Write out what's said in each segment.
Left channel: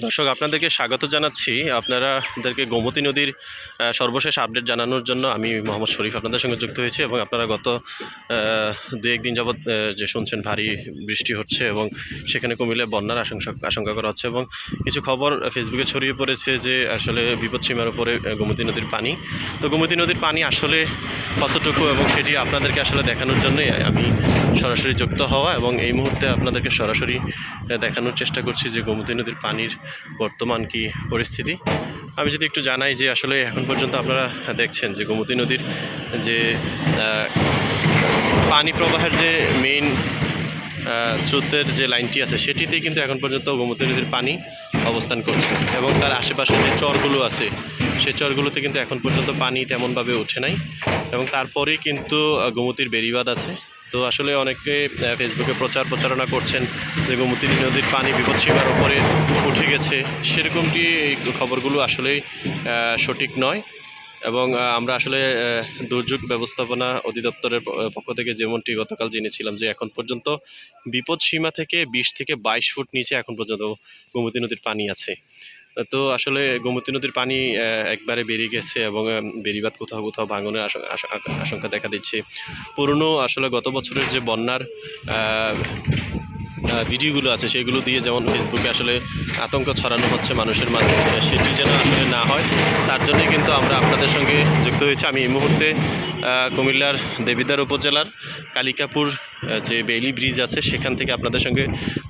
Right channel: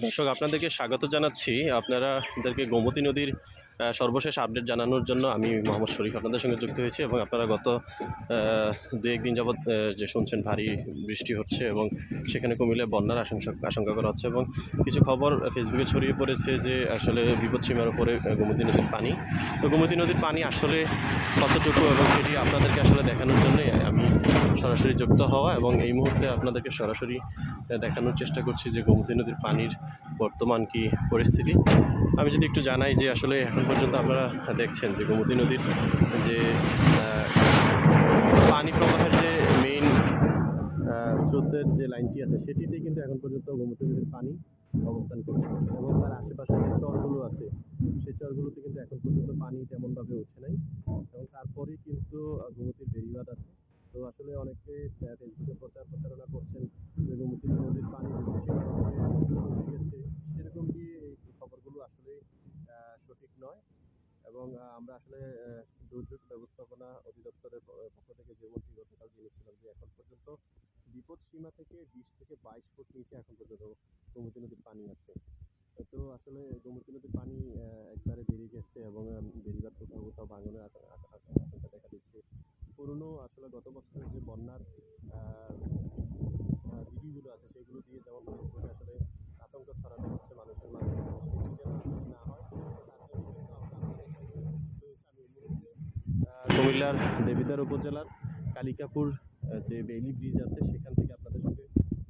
দর্শক, আপনাদেরকে স্বাগত জানাচ্ছি। আপনারাদেরকে গোমতী নদীর সর্বশেষ আপডেট জানানোর জন্য আমি মোহাম্মদ শরীফ আপনাদের সঙ্গে যুক্ত হয়েছি এবং আপনারা গত দু একদিন যাবৎ যে শুনছেন, ভারী বৃষ্টি হচ্ছে এবং সেখানে কমিলে বন্যার আশঙ্কা আশঙ্কা করা হচ্ছে এবং কিছু খবর ফেসবুকে ছড়িয়ে পড়েছে যে আসলে বিপদসীমার উপরে গোমতী নদীর পানি। তো গোমতী নদীর পানি আসলে কতটুকু এবং সেটি আপনাদেরকে আসলে দেখানোর জন্যই আমি সরাসরি যুক্ত হওয়া এবং এই মুহূর্তে আপনাদেরকে সরাসরি দেখানোর চেষ্টা করছি যে গোমতী নদীর পানির বর্তমান কি পরিস্থিতি? আমি যদি একটু জানাই যে আসলে এখন পর্যন্ত আপনারা দেখছেন যে গোমতী নদীর যে পানি প্রবাহের যে মেইন স্রোতের যে লাইনটি আছে সেটিতেই কিন্তু এখন পর্যন্ত গোমতী নদীর পানি অবস্থান করছে এবং তার আশেপাশে যে চরগুলো আছে সেই চরগুলোতে কিন্তু এখন পর্যন্ত পানি তেমনভাবে ওঠে নাই এবং তারপরেই কিন্তু গোমতীর বেড়িবাঁধ আছে। তো আসলে অনেকে ফেসবুকে প্রচার প্রচারণা করছেন যে গোমতী নদীর পানি বিপদসীমার উপরে উঠে গেছে। সেরকমটি এই খবরগুলো আসলেই সঠিক নয় এবং আমরা আসলে দুর্যোগ ব্যবস্থাপনা অধিদপ্তরের পক্ষ থেকে যেমনটি গতকাল জেনেছিলাম যে এখন পর্যন্ত বিপদ সীমা থেকে বিশ থেকে বাইশ ফুট নিচে এখন পর্যন্ত গোমতী নদীর পানি আছে। তো আসলে গোমতী নদীর পানি একবারে বেরিয়ে গেছে এবং বেরিবাদ কোথাও কোথাও ভাঙনের আশ- আশ- আশঙ্কা দেখা দিচ্ছে। পুরনো আসলে গত বছরের যে বন্যার ভিডিওগুলো আছে, সেগুলো দিয়ে যেমন ফেসবুকে আসলে আতঙ্ক ছড়ানো হচ্ছে মানুষের মাঝে, সেটি যেন আসলে না হয়, তার জন্যই কিন্তু আমরা আপনাদের সঙ্গে যুক্ত হয়েছি। আমি এই মুহূর্তে কুমিল্লার দেবিদার উপজেলার কালিকাপুর যে বেইলি ব্রিজ আছে, সেখান থেকে আপনাদের সঙ্গে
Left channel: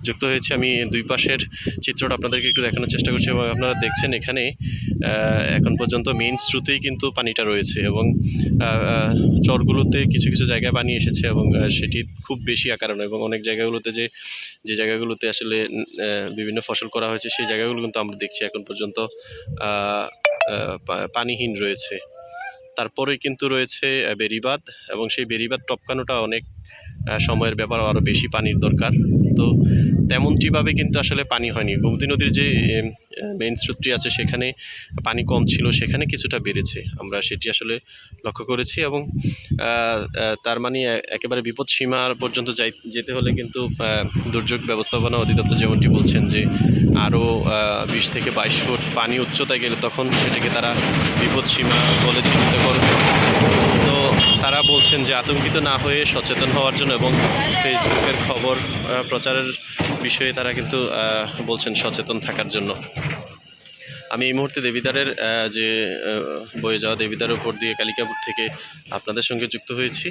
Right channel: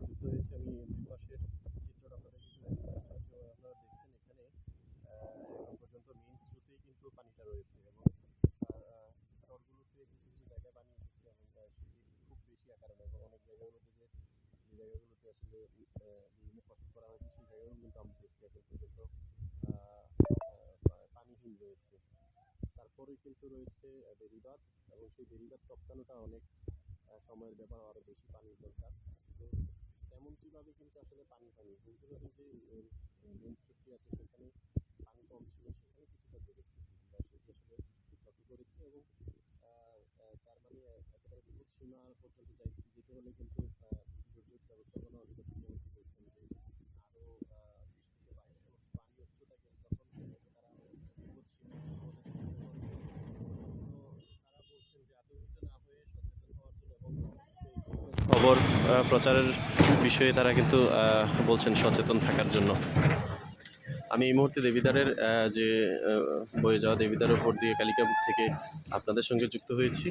যুক্ত হয়েছে। আমি দুই পাশের চিত্রটা আপনাদেরকে একটু দেখানোর চেষ্টা করছি এবং আপনারা দেখছেন এখানে এখন পর্যন্ত মেইন স্রোতেই কিন্তু পানিটা রয়েছে এবং চরগুলোতে কিছু কিছু জায়গায় পানি এসেছে এবং সেটি খুব বেশি আকার এবং অনেক জায়গাগুলোতে যে যে জায়গাগুলোতে আসলে বিভিন্ন ফসল করা হয়েছে, সেই জায়গাগুলো কিন্তু আমরা দেখছি এখন পর্যন্ত পানিহীন রয়েছে। তারপরে কিন্তু রয়েছে বেরিবাদ এবং সেই বেরিবাদ টপকানোটা অনেক সময়ের ব্যাপার আরও বেশি পানির দরকার। তো তেমনটিভাবে কিন্তু আসলে পানি হয়নি। গোমতী নদীর যে মেইন স্রোতটি আছে সেখানে পানি কম ছিল, সেখানে কিছুটা বেড়েছে। আমরা সেটি আসলে লক্ষ্য করেছি এবং তার মানে একেবারে বিপদ সীমার পর্যন্ত যাই, যেতে হলে কিন্তু দুর্যোগ ব্যবস্থাপনা অধিদপ্তর যেমনটি বলছেন যে আরও বিশ থেকে বাইশ ফুট পানি উচ্চতায় গেলে তখন সেটিকে তারা বিপদ সীমা বলে চিহ্নিত করবে। বলছেন যে আতঙ্কিত না হয়ে সচেতন হওয়ার জন্য এবং ফেসবুকের খবর প্রচারের বিষয়ে তারা কিন্তু বলছেন সচেতন থাকার জন্য। আমি এই মুহূর্তে দেবিদারের যে বয়ে যাওয়া দেবিদার ওপর দিয়ে কালিকাপুর থেকে আপনাদের সঙ্গে যুক্ত হয়েছি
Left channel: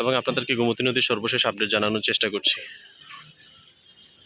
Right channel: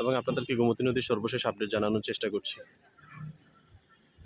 এবং আপনাদেরকে গোমতী নদীর সর্বশেষ আপডেট জানানোর চেষ্টা করছি।